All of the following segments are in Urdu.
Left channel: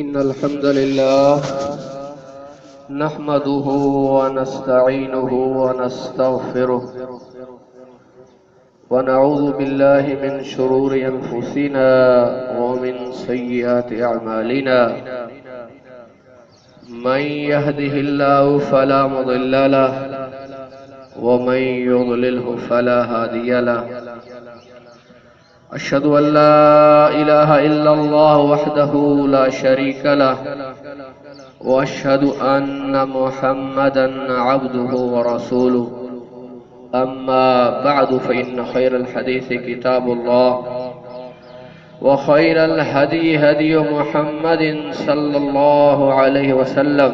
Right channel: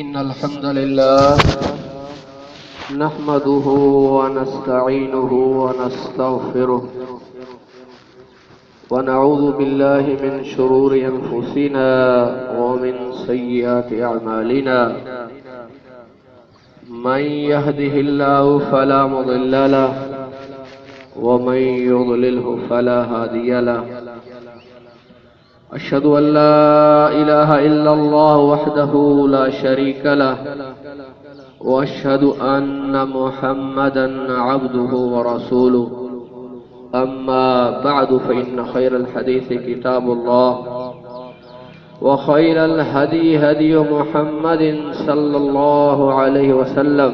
إن الحمد لله نحمده ونستعينه ونستغفره ونعوذ بالله من شرور أنفسنا ومن سيئات أعمالنا من يهده الله فلا مضل له ومن يضلله فلا هادي له أشهد أن لا إله إلا الله وحده لا شريك له وأشهد أن محمدا عبده ورسوله أما بعد فإن خير الحديث كتاب الله وخير الهدي هدي محمد صلى الله عليه وسلم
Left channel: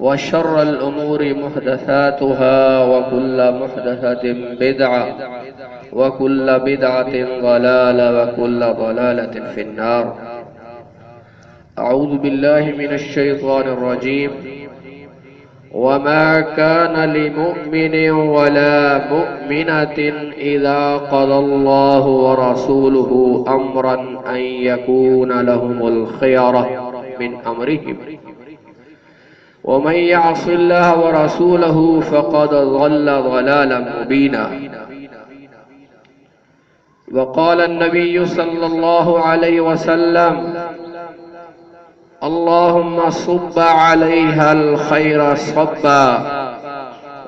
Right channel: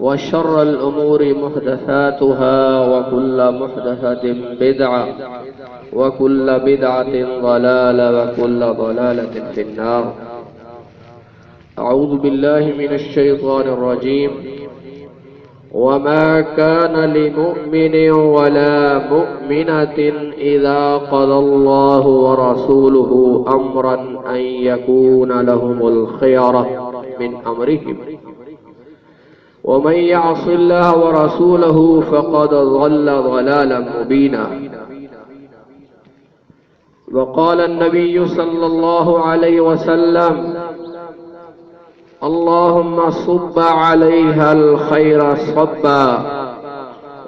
وشر الأمور محدثاتها وكل محدثة بدعة وكل بدعة ضلالة وكل ضلالة في النار. أعوذ بالله من الشيطان الرجيم. وما كان لمؤمن ولا مؤمنة إذا قضى الله ورسوله أمرا أن يكون لهم الخيرة من أمرهم ومن يعص الله ورسوله فقد ضل ضلالا مبينا. وقال النبي صلى الله عليه وسلم اللهم صب عليها الخير صبا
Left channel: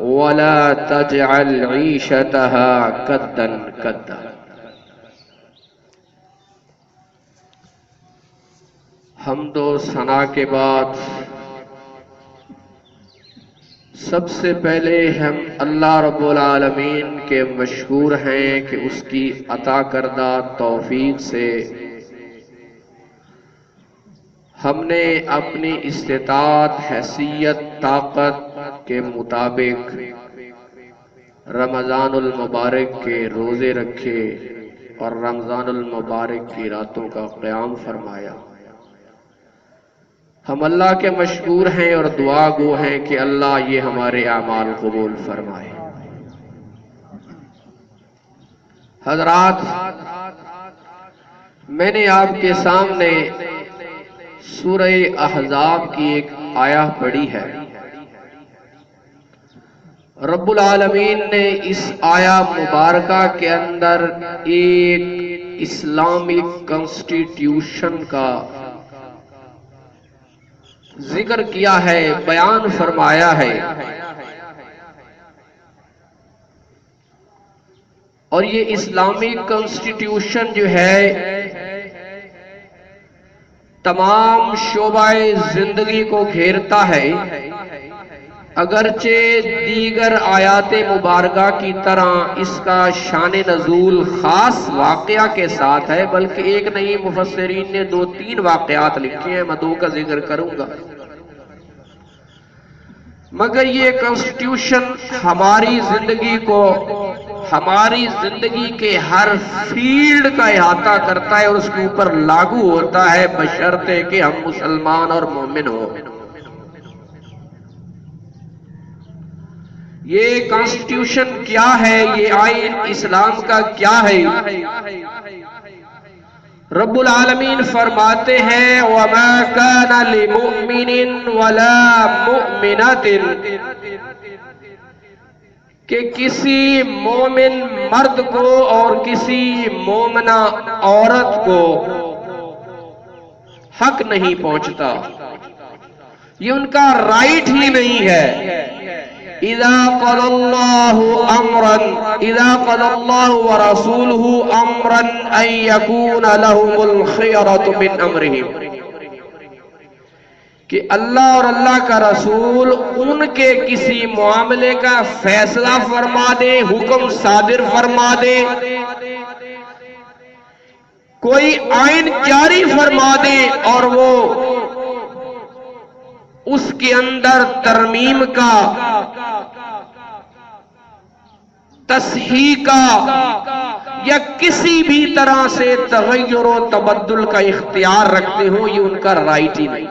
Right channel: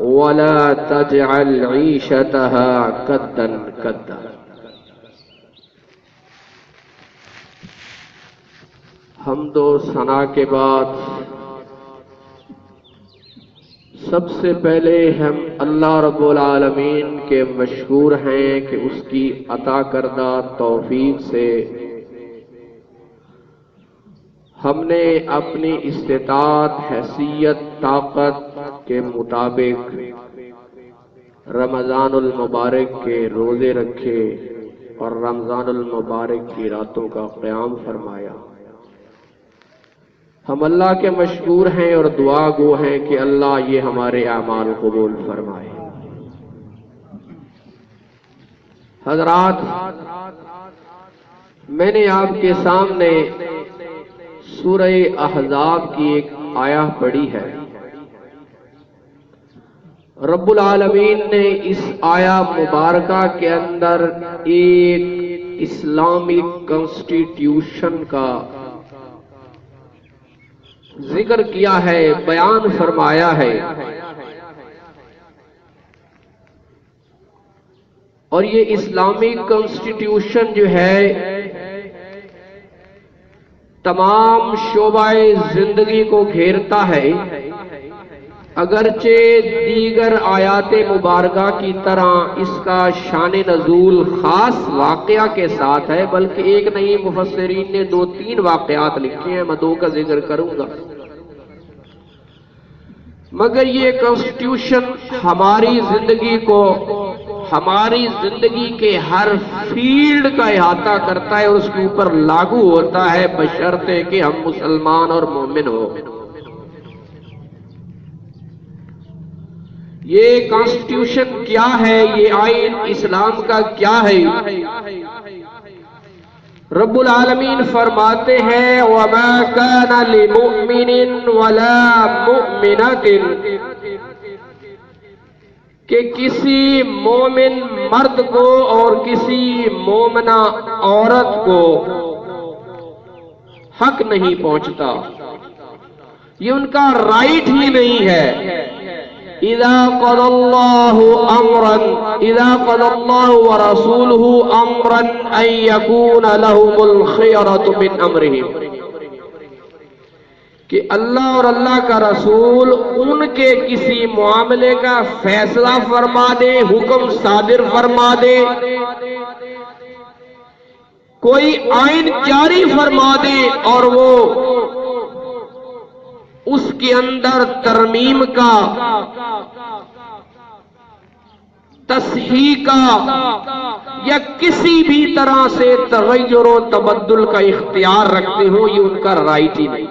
ولا تجعل عيشتها كدا كدا. حمد و ثنا کے بعد سب سے پہلے ہم اللہ رب العالمین کے مشکور ہیں کہ اس کی عطا کردہ توفیق سے ہم نے اپنی استطاعت حیثیت طاقت کے مطابق رمضان المبارک کے روزے رکھے اور رمضان المبارک کی راتوں کا قیام فرمایا. ہم اللہ کے مشکور ہیں اور دعا گو ہیں کہ اللہ یہ ہمارے اعمال قبول فرمائے. حضرات، میں نے آپ کے سامنے سورہ احزاب کی ایک آیہ پڑھی ہے. رب العالمین نے اس آیہ مبارکہ کے اندر ایک اسلامک کانسٹیٹیوشن کا ذکر کیا ہے، بیان فرمایا ہے، اور یہ اسلامک کانسٹیٹیوشن جو ہے تمام شعبہ زندگی کو گھیرتا ہے. اگرچہ دیگر آیات مبارکہ کی طرح اس کا شان نزول خاص واقعہ کے ساتھ ہے، بلکہ ایک نہیں، مفسرین نے 2-3 واقعات لکھے ہیں، میں 2 کا ذکر کروں گا. مگر یہ کانسٹیٹیوشن ہماری زندگی کو، ہماری زندگی کے ہر فیلڈ کا احاطہ کرتا ہے اور اس کے اوپر لاگو ہوتا ہے، بشرطے کہ ہم مسلمان اور مومن ہو. یہ کانسٹیٹیوشن کیا ہے؟ یہ آئین اسلام کا کیا ہے؟ رب العالمین فرماتے ہیں وَمَا كَانَ لِمُؤْمِنٍ وَلَا مُؤْمِنَةٍ، کہ کسی مومن مرد کو اور کسی مومنہ عورت کو حق نہیں پہنچتا، یہ ان کا رائٹ ہی نہیں ہے. اذا قضى الله ورسوله امرا ان يكون لهم الخيرة من امرهم، کہ اللہ اور اللہ کا رسول ان کے کسی معاملے کا فیصلہ فرما دے، حکم صادر فرما دے، کوئی آئین جاری فرما دے اور وہ اس کے اندر ترمیم کا، تصحیح کا یا کسی بھی طرح سے تغیر و تبدل کا اختیار رکھتے ہو، یہ ان کا رائٹ ہی نہیں.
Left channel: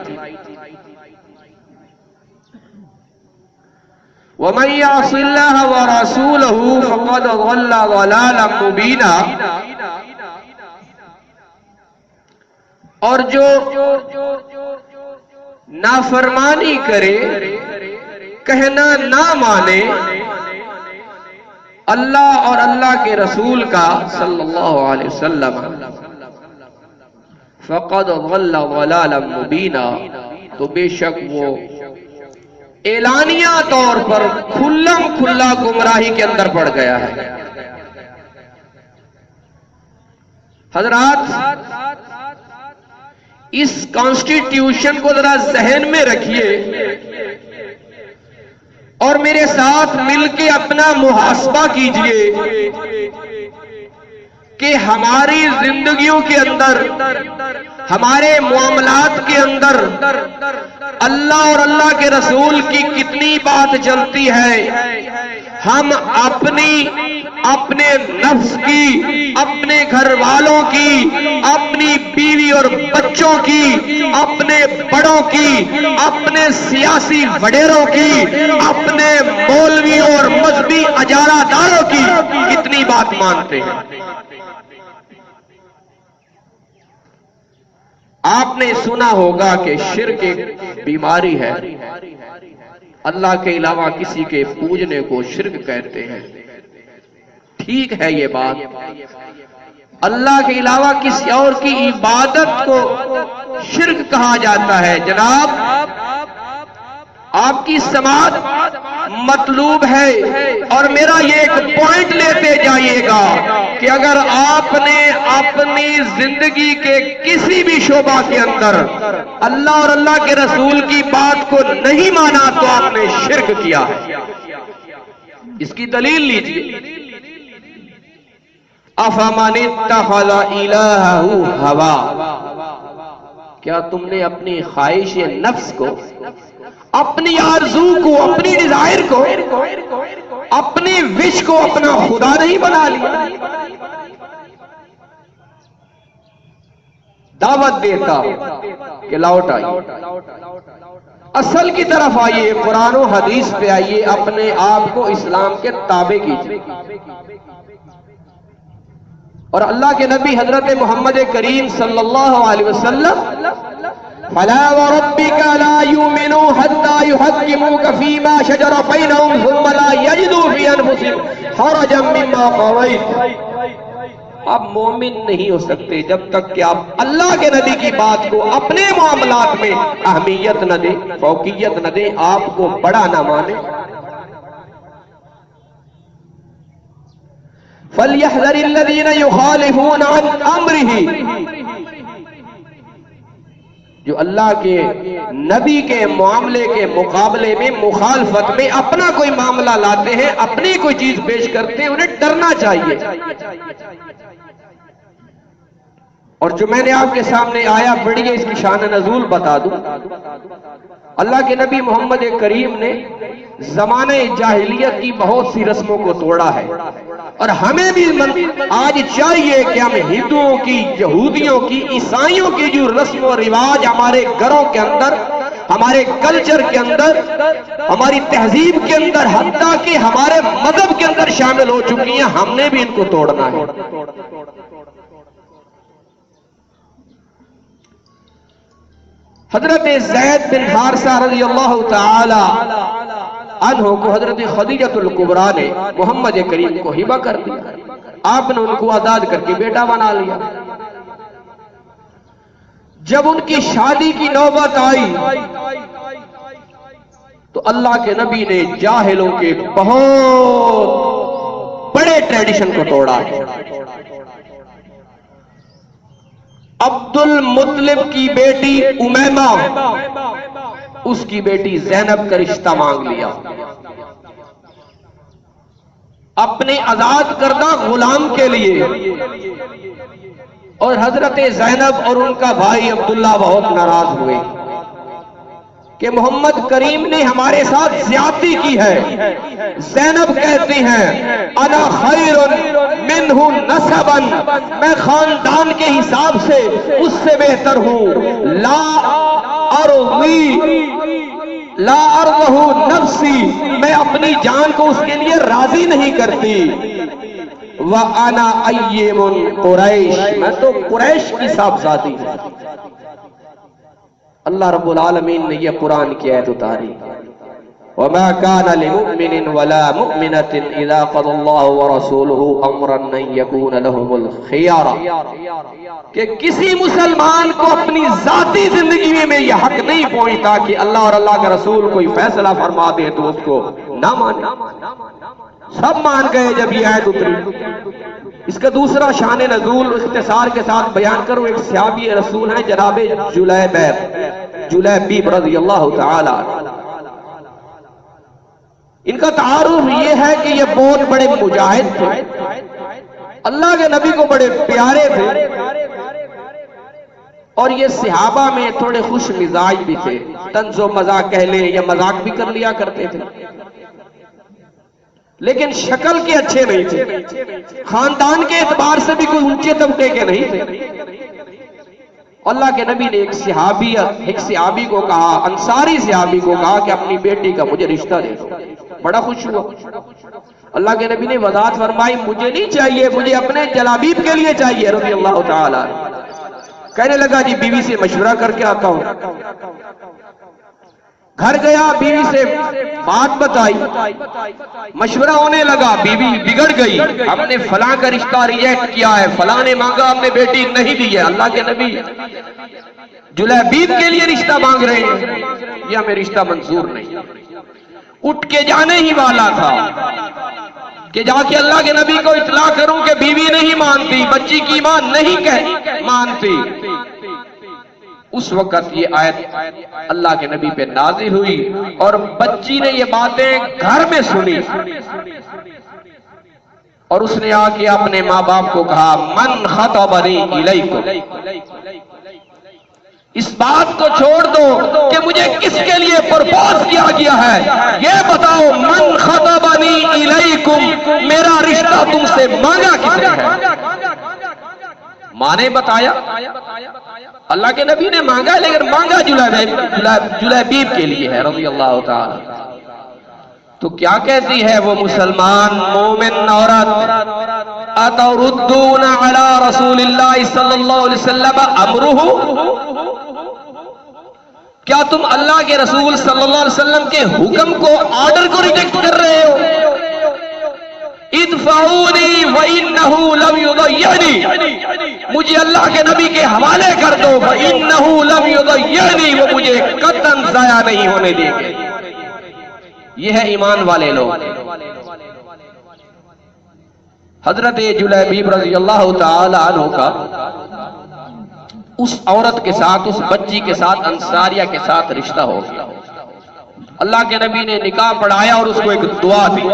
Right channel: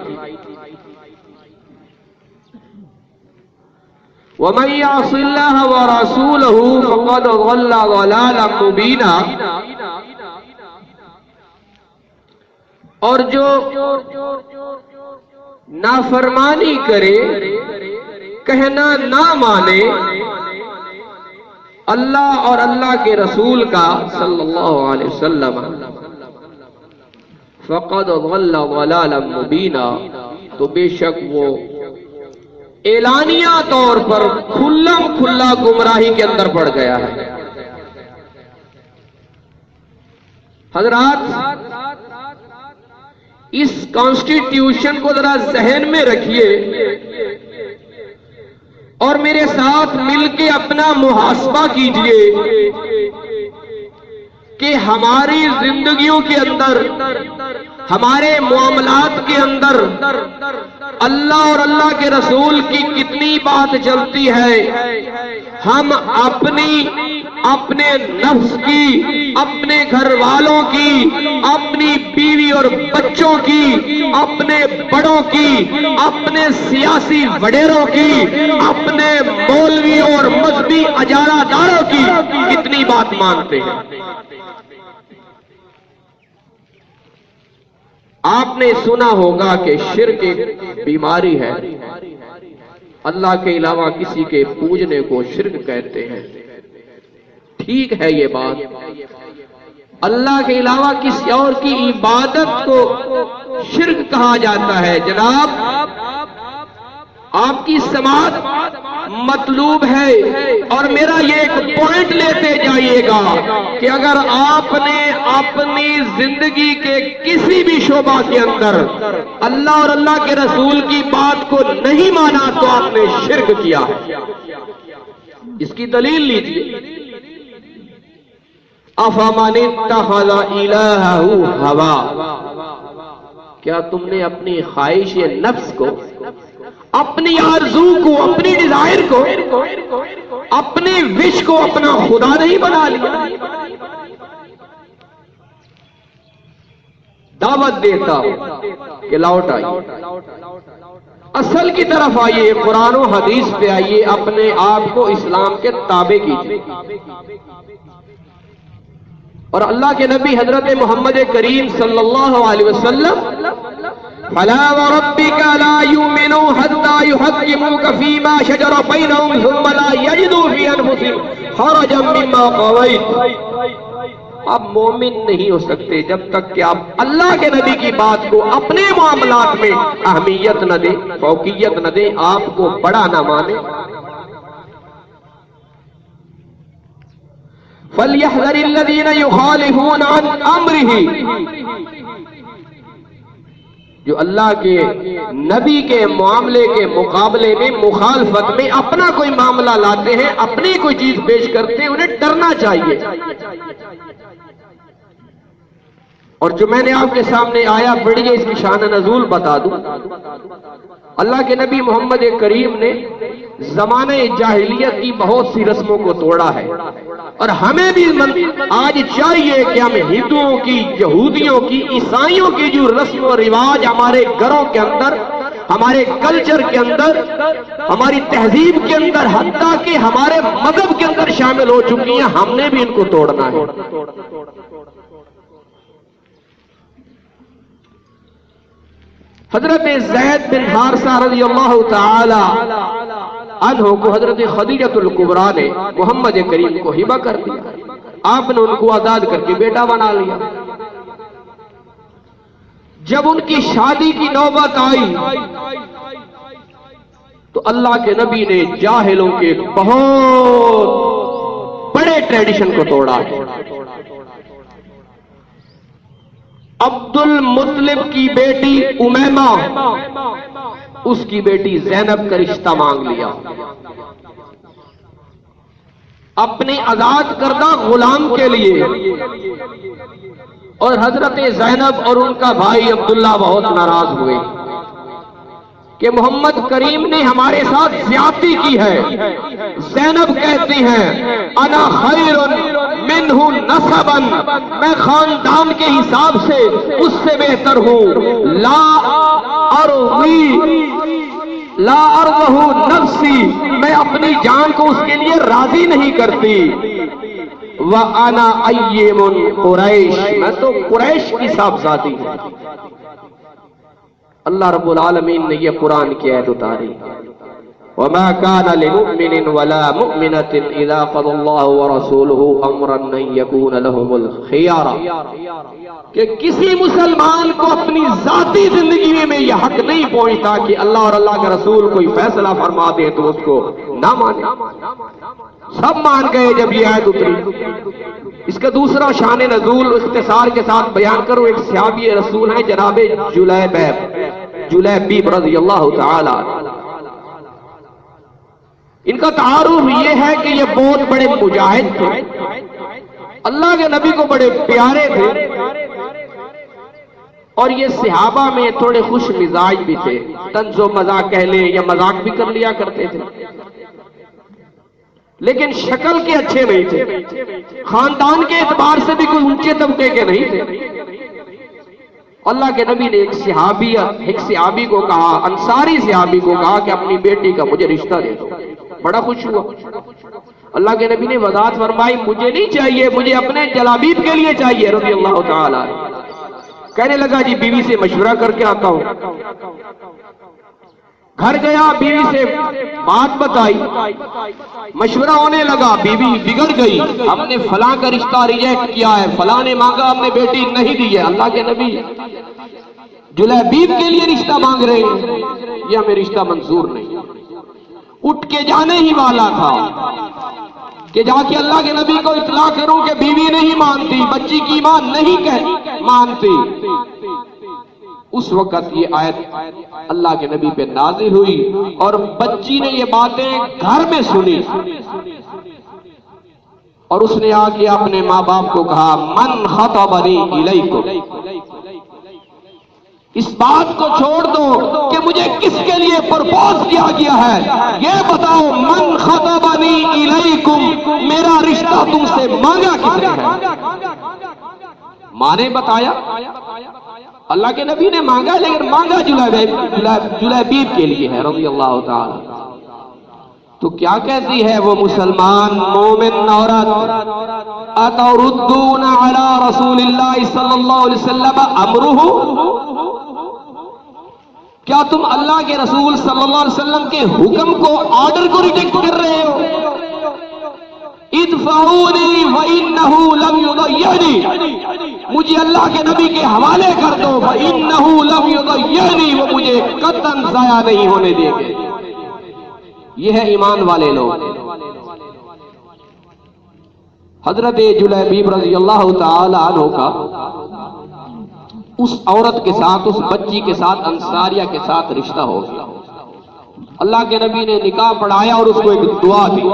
وَمَن يَعْصِ اللَّهَ وَرَسُولَهُ فَقَدْ ضَلَّ ضَلَالًا مُبِينًا. اور جو نافرمانی کرے، کہنا نہ مانے اللہ اور اللہ کے رسول کا صلی اللہ علیہ وسلم، فقد ضل ضلالا مبینا، تو بے شک وہ اعلانیہ طور پر کھلم کھلا گمراہی کے اندر پڑ گیا ہے۔ حضرات، اس کانسٹیٹیوشن کو ذرا ذہن میں رکھیے اور میرے ساتھ مل کے اپنا محاسبہ کیجئے کہ ہماری زندگیوں کے اندر، ہمارے معاملات کے اندر اللہ اور اللہ کے رسول کی کتنی بات چلتی ہے۔ ہم اپنے نفس کی، اپنے گھر والوں کی، اپنی بیوی اور بچوں کی، اپنے بڑوں کی، اپنے سیاسی وڈیروں کی، اپنے مولویوں اور مذہبی اجارہ داروں کی کتنی بات مانتے ہیں۔ آپ نے سنا ہوگا کہ شرک ایک بیماری ہے، اللہ کے علاوہ کسی کے پوجنے کو شرک کہتے ہیں۔ ٹھیک ہے یہ بات، اللہ کے علاوہ کسی اور کی عبادت کو شرک کہا جاتا ہے۔ جناب، آپ کی سماعت مطلوب ہے، اور میرا یہ ایک پوائنٹ لیتے جائیے گا کہ اگر آپ نے اپنی زندگی کے کسی بھی شعبہ کے اندر اللہ اور اللہ کے رسول کی بات کو نہیں مانا تو آپ نے شرک کیا ہے۔ اس کی دلیل لیجئے، افمن اتخذ الہہ ہوا، کیا تم نے اپنی خواہش نفس کو، اپنی آرزو کو، اپنی ڈیزائر کو، اپنے وش کو اپنا خدا نہیں بنا لیا؟ دعوت دیتا کہ لوٹ آئیے، اصل کی طرف آئیے، قرآن و حدیث پہ آئیے، اپنے آپ کو اسلام کے تابع کیجیے۔ اور اللہ کے نبی حضرت محمد کریم صلی اللہ علیہ وسلم، فَلَا وَرَبِّكَ لَا يُؤْمِنُوا حَتَّى يُحَكِّمُوكَ فِي مَا شَجَرَ بَيْنَهُمْ ثُمَّ لَا يَجِدُوا فِي أَنفُسِهِمْ حَرَجًا مِّمَّا قَضَيْتَ۔ آپ مومن نہیں ہو سکتے جب تک کہ آپ اللہ کے نبی کی بات کو اپنے معاملات میں اہمیت نہ دیں، فوقیت نہ دیں، آپ کو بڑا نہ مانیں۔ فَلْيَحْذَرِ الَّذِينَ يُخَالِفُونَ عَنْ أَمْرِهِ، جو اللہ کے نبی کے معاملے کے مقابلے میں مخالفت میں اپنا کوئی معاملہ لاتے ہیں، اپنی کوئی چیز پیش کرتے ہیں، انہیں ڈرنا چاہیے۔ اور جو میں نے آپ کے سامنے آیا پڑھی ہے، اس کی شان نزول بتا دوں۔ اللہ کے نبی محمد کریم نے زمانے جاہلیت کی بہت سی رسموں کو توڑا ہے، اور ہمیں بھی آج چاہیے کہ ہم ہندوؤں کی، یہودیوں کی، عیسائیوں کی جو رسم و رواج ہمارے گھروں کے اندر، ہمارے کلچر کے اندر، ہماری تہذیب کے اندر، حتیٰ کہ ہمارے مذہب کے اندر شامل ہو چکی ہیں، ہم نے بھی ان کو توڑنا ہے۔ حضرت زید بن حارثہ رضی اللہ تعالی عنہ کو حضرت خدیجہ الکبریٰ نے محمد کریم کو ہبہ کر دیا، آپ نے ان کو آزاد کر کے بیٹا بنا لیا۔ جب ان کی شادی کی نوبت آئی تو اللہ کے نبی نے جاہلوں کے بہت بڑے ٹریڈیشن کو توڑا۔ عبد المطلب کی بیٹی امیمہ، اس کی بیٹی زینب کا رشتہ مانگ لیا، اپنے آزاد کردہ غلام کے لیے۔ اور حضرت زینب اور ان کا بھائی عبداللہ بہت ناراض ہوئے کہ محمد کریم نے ہمارے ساتھ زیادتی کی ہے۔ زینب کہتی ہیں انا خیر منہ نسبا، میں خاندان کے حساب سے اس سے بہتر ہوں، لا ارضہ نفسی، میں اپنی جان کو اس کے لیے راضی نہیں کرتی۔ وَأَنَا أَيِّمٌ قُرَيْش، میں تو قریش کی صاحبزادی ہوں۔ اللہ رب العالمین نے یہ قرآن کی آیت اتاری، وَمَا كَانَ لِمُؤْمِنٍ وَلَا مُؤْمِنَةٍ إِذَا قَضَى اللَّهُ وَرَسُولُهُ أَمْرًا أَن يَكُونَ لَهُمُ الْخِيَارَةُ، کہ کسی مسلمان کو اپنی ذاتی زندگی میں یہ حق نہیں پہنچتا کہ اللہ اور اللہ کا رسول کوئی فیصلہ فرما دے تو اس کو نہ مانے۔ سب مان گئے جب یہ آیت اتری۔ اس کا دوسرا شان نزول اختصار کے ساتھ بیان کروں، ایک صحابی رسول ہیں جناب جلیبیب رضی اللہ تعالی، ان کا تعارف یہ ہے کہ یہ بہت بڑے مجاہد تھے، اللہ کے نبی کو بڑے پیارے تھے، اور یہ صحابہ میں تھوڑے خوش مزاج بھی تھے، طنز و مذاق کہہ لیں یا مذاق بھی کر لیا کرتے تھے، لیکن شکل کے اچھے نہیں تھے، خاندان کے اعتبار سے بھی کوئی اونچے طبقے کے نہیں تھے۔ اللہ کے نبی نے ایک صحابی کو کہا، انصاری صحابی کو کہا کہ اپنی بیٹی کا مجھے رشتہ دے دو۔ بڑا خوش ہوا۔ اللہ کے نبی نے وضاحت فرمائی، مجھے نہیں چاہیے، مجھے اپنے جلابیب کے لیے چاہیے رضی اللہ تعالی۔ کہنے لگا جی بیوی سے مشورہ کر کے آتا ہوں۔ گھر گیا، بیوی سے بات بتائی، مشورہ ہونے لگا، بیوی بگڑ گئی، ہم نے فلاں کا رشتہ ریجیکٹ کیا ہے، فلاں نے مانگا ہم نے بیٹی نہیں دی ہے۔ اللہ کے نبی جلیبیب کے لیے رشتہ مانگ رہے ہیں، یہ ہمیں رشتہ منظور نہیں۔ اٹھ کے جانے ہی والا تھا کہ جا کے اللہ کے نبی کو اطلاع کروں کہ بیوی نہیں مانتی، بچی کی ماں نہیں مانتی۔ اس وقت یہ آیت اللہ کے نبی پہ نازل ہوئی اور بچی نے یہ باتیں گھر میں سنی، اور اس نے آ کے اپنے ماں باپ کو کہا، من خطبنی الیکم، اس بات کو چھوڑ دو کہ مجھے کس کے لیے پرپوز کیا گیا ہے، یہ بتاؤ من خطبنی الیکم، میرا رشتہ تم سے مانگا کس نے ہے؟ ماں نے بتایا، اللہ کے نبی نے مانگا، لیکن مانگا جلیبیب کے لیے ہے رضی اللہ تعالی۔ تو کیا کہتی ہے وہ مسلمان مومن عورت، اتردون علی رسول اللہ صلی اللہ علیہ وسلم امرہ، کیا تم اللہ کے رسول صلی اللہ علیہ وسلم کے حکم کو، آرڈر کو ریجیکٹ کر رہے ہو؟ ادفعونی وانہ لم یضیعنی، مجھے اللہ کے نبی کے حوالے کر دو، وانہ لم یضیعنی، وہ مجھے قطعاً ضائع نہیں ہونے دیں گے۔ یہ ہے ایمان والے لوگ۔ حضرت جلیبیب رضی اللہ تعالی عنہ کا اس عورت کے ساتھ، اس بچی کے ساتھ، انصاریہ کے ساتھ رشتہ ہو گیا۔ اللہ کے نبی نے نکاح پڑھایا اور اس کو ایک دعا دی،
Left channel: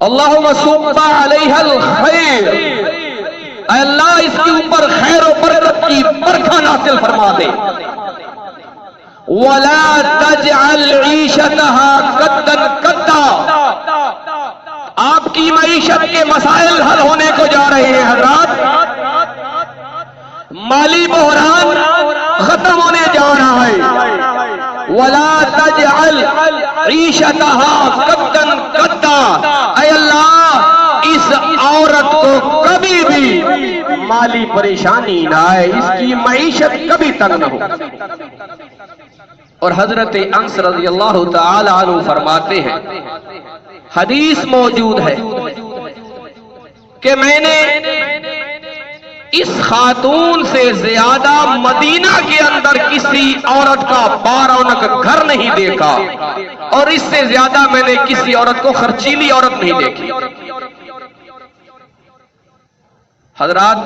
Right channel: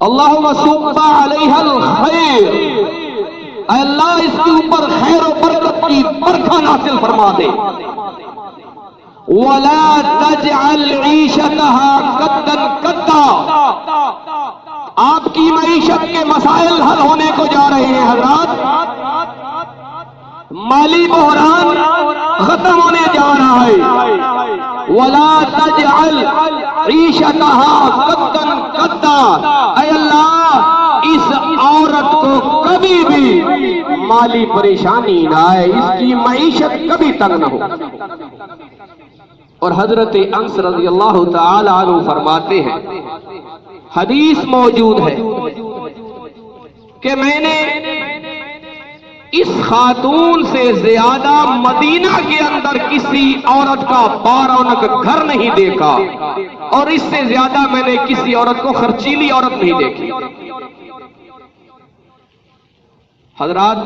اللہم صب علیہ الخیر، اے اللہ اس کے اوپر خیر و برکت کی برکھا نازل فرما دے، وَلَا تَجْعَلْ عِيشَتَهَا قَدًّا قَدًّا، آپ کی معیشت کے مسائل حل ہونے کو جا رہے ہیں حضرات، مالی بحران ختم ہونے جا رہا ہے، وَلَا تَجْعَلْ عِيشَتَهَا قَدًّا قَدًّا، اے اللہ اس عورت کو کبھی بھی مالی پریشانی نہ آئے، اس کی معیشت کبھی تنگ نہ ہو۔ اور حضرت انس رضی اللہ تعالی عنہ فرماتے ہیں، حدیث موجود ہے کہ میں نے اس خاتون سے زیادہ مدینہ کے اندر کسی عورت کا بارونق گھر نہیں دیکھا، اور اس سے زیادہ میں نے کسی عورت کو خرچیلی عورت نہیں دیکھی۔ حضرات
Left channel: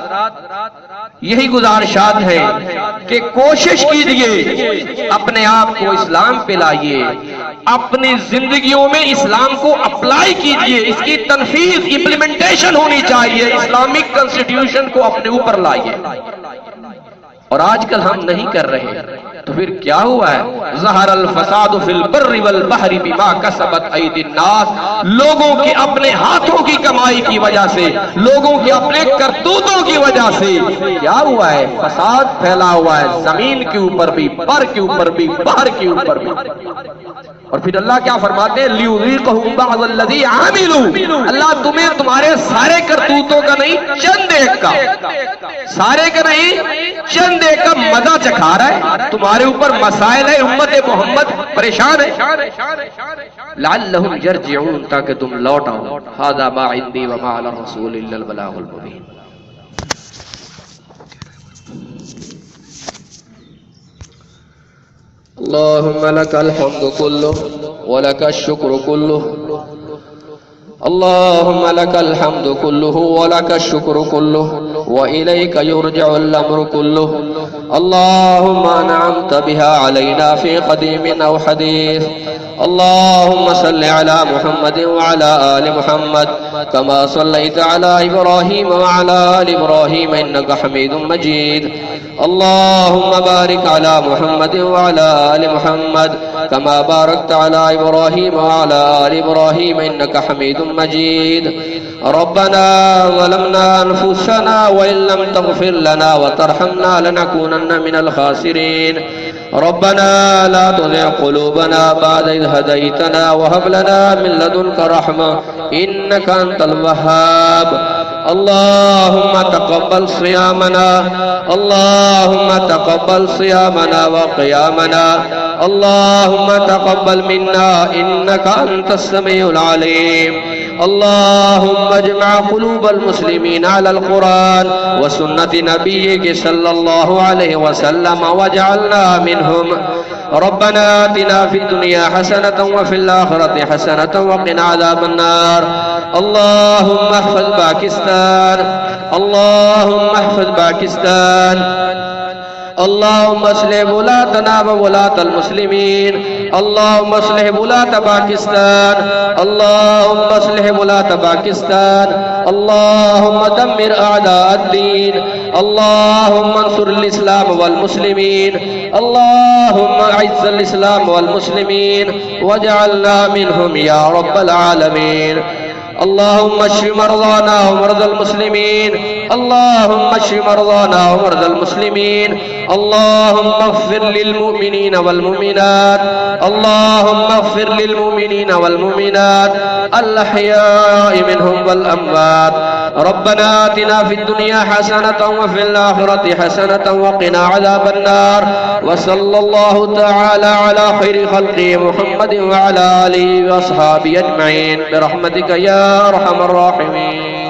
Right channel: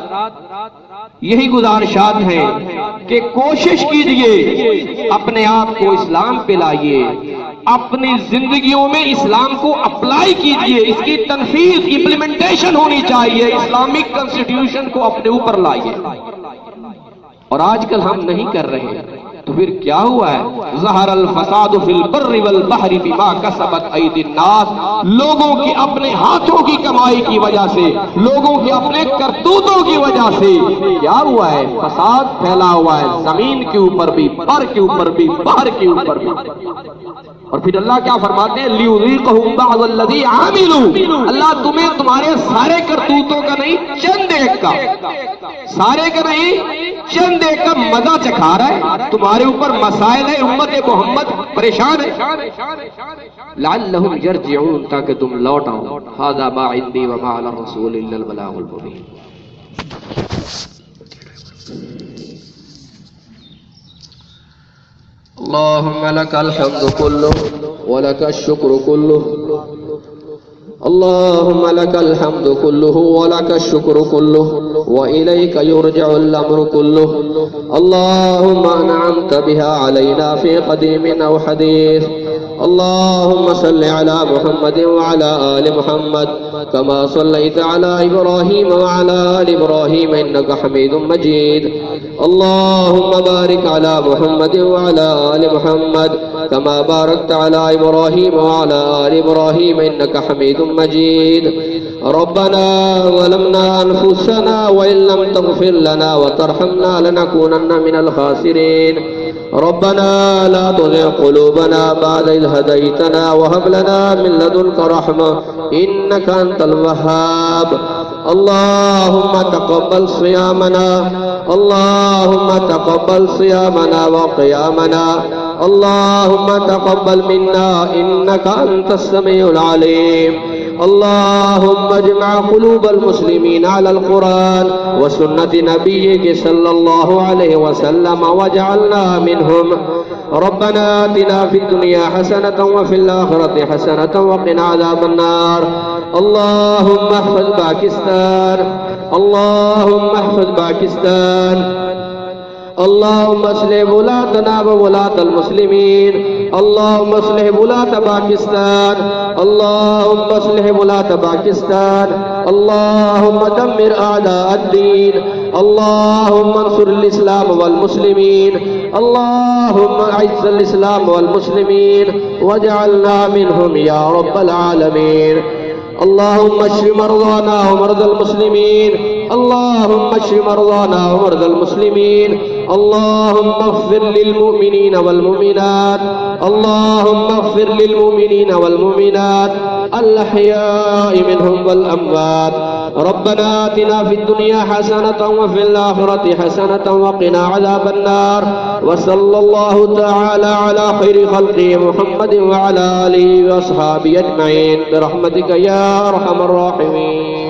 یہی گزارشات ہیں کہ کوشش کیجئے اپنے آپ کو اسلام پہ لائیے، اپنی زندگیوں میں اسلام کو اپلائی کیجئے، اس کی تنفیذ امپلیمنٹیشن ہونی چاہیے، اسلامک کنسٹیٹیوشن کو اپنے اوپر لائیے۔ اور آج کل ہم نہیں کر رہے، تو پھر کیا ہوا ہے؟ ظہر الفساد فی البر والبحر بما کسبت ایدی الناس، لوگوں کی اپنے ہاتھوں کی کمائی کی وجہ سے، لوگوں کے اپنے کرتوتوں کی وجہ سے کیا ہوا ہے؟ فساد پھیلا ہوا ہے، زمین کے اوپر بھی، بر کے اوپر بھی، بحر کے اوپر بھی۔ اور پھر اللہ کیا فرماتے ہیں؟ لیذیقہم بعض الذی عملوا، اللہ تمہیں تمہارے سارے کرتوتوں کا نہیں، چند ایک کا، سارے کا نہیں چند ایک کا مزہ چکھا رہا ہے۔ تمہارے اوپر مسائل ہے، امت محمد پریشان ہے، لعلہم یرجعون، تاکہ تم لوٹ آؤ۔ ھذا ما عندی وما علی الرسول الا البلاغ المبین۔ اللهم لك الحمد كله ولك الشكر كله، اللهم لك الحمد كله ولك الشكر كله وإليك يرجع الأمر كله، اللهم أنعمت بها علينا في قديم أو حديث، اللهم صل على محمد وعلى آل محمد كما صليت على إبراهيم وعلى آل إبراهيم إنك حميد مجيد، اللهم بارك على محمد وعلى آل محمد كما باركت على إبراهيم وعلى آل إبراهيم إنك حميد مجيد، ربنا ظلمنا أنفسنا وإن لم تغفر لنا وترحمنا لنكونن من الخاسرين، ربنا لا تزغ قلوبنا بعد إذ هديتنا وهب لنا من لدنك رحمة إنك أنت الوهاب، اللهم تقبل صيامنا، اللهم تقبل صيامنا وقيامنا، اللهم تقبل منا إنك أنت السميع العليم، اللهم اجمع قلوب المسلمين على القرآن وسنة نبيك صلى الله عليه وسلم واجعلنا منهم، ربنا آتنا في الدنيا حسنة وفي الآخرة حسنة وقنا عذاب النار، اللهم احفظ باكستان، اللهم احفظ باكستان، اللهم اصلح ولاتنا وولاة المسلمين، اللهم اصلح ولاة باكستان، اللهم اصلح ولاة باكستان، اللهم دمر أعداء الدين، اللهم انصر الإسلام والمسلمين، اللهم أعز الإسلام والمسلمين واجعلنا منهم يا رب العالمين، اللهم اشف مرضانا ومرضى المسلمين، اللهم اشف مرضانا ومرضى المسلمين، اللهم اغفر للمؤمنين والمؤمنات، اللهم اغفر للمؤمنين والمؤمنات الأحياء منهم والأموات، ربنا آتنا في الدنيا حسنة وفي الآخرة حسنة وقنا عذاب النار، وصلى الله تعالى على خير خلقه محمد وعلى آله وأصحابه أجمعين برحمتك يا أرحم الراحمين۔